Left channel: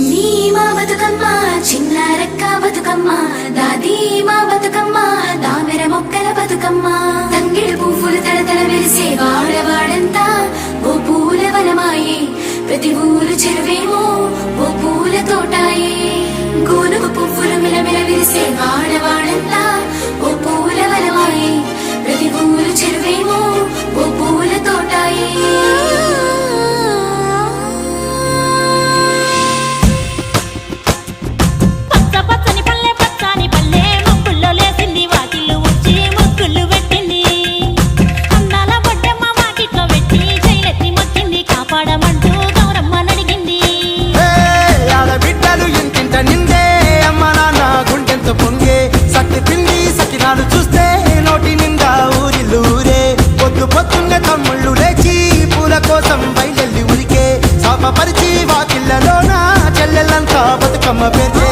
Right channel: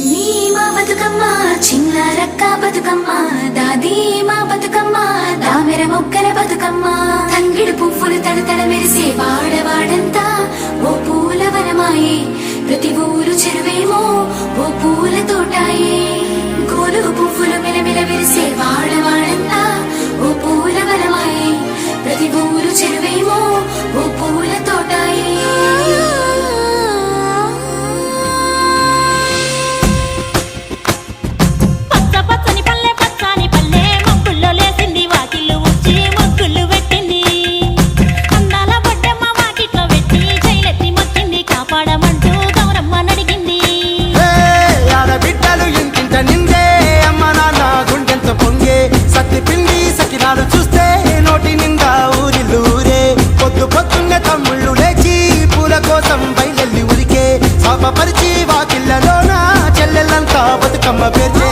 చిన్ని మా బతుకమ్మ చిన్న రక్క బతుకమ్మ దాది మా బతుకమ్మ దామెర మొక్కల బతుకమ్మ తంగిడు పువ్వులు తడతడ వెలిసే వాడవాడంతా ఓ పూల వనమాయే ప్రతి ఊరు చెరువేమో ఓ పూల తోటాయే గోరు పువ్వులు మెలమెల విరిసే వాడవాడంతా ఓ పూల వనమాయే ప్రతి ఊరు చెరువేమో ఓ పూల తోటాయే పచ్చని పల్లె పచ్చని పల్లె మబ్బుల్లో లేసింది వాకిళ్ళు ఊడ్చి ముగ్గులు పెట్టింది అందాల బొడ్డమ్మ వాకిట్లో పెట్టి జైలెత్తి మొక్కింది కాపాడమంటూ గౌరమ్మ నడిగింది ఆడబిడ్డలు ఇంటింట నిందే అమ్మ నాన్న గుండెంత పొంగే సత్తి పిండి సకినాలు చూస్తే నోటి నిండా ఊరిల్లూరే పొద్దున్నే తమ్ముళ్ళు లేచి పూల కోసం బయలెల్లి ఉరికే శాపపరిచి వాకిళ్ళలోన చెల్లెళ్ళంతా బతుకమ్మ పేర్చే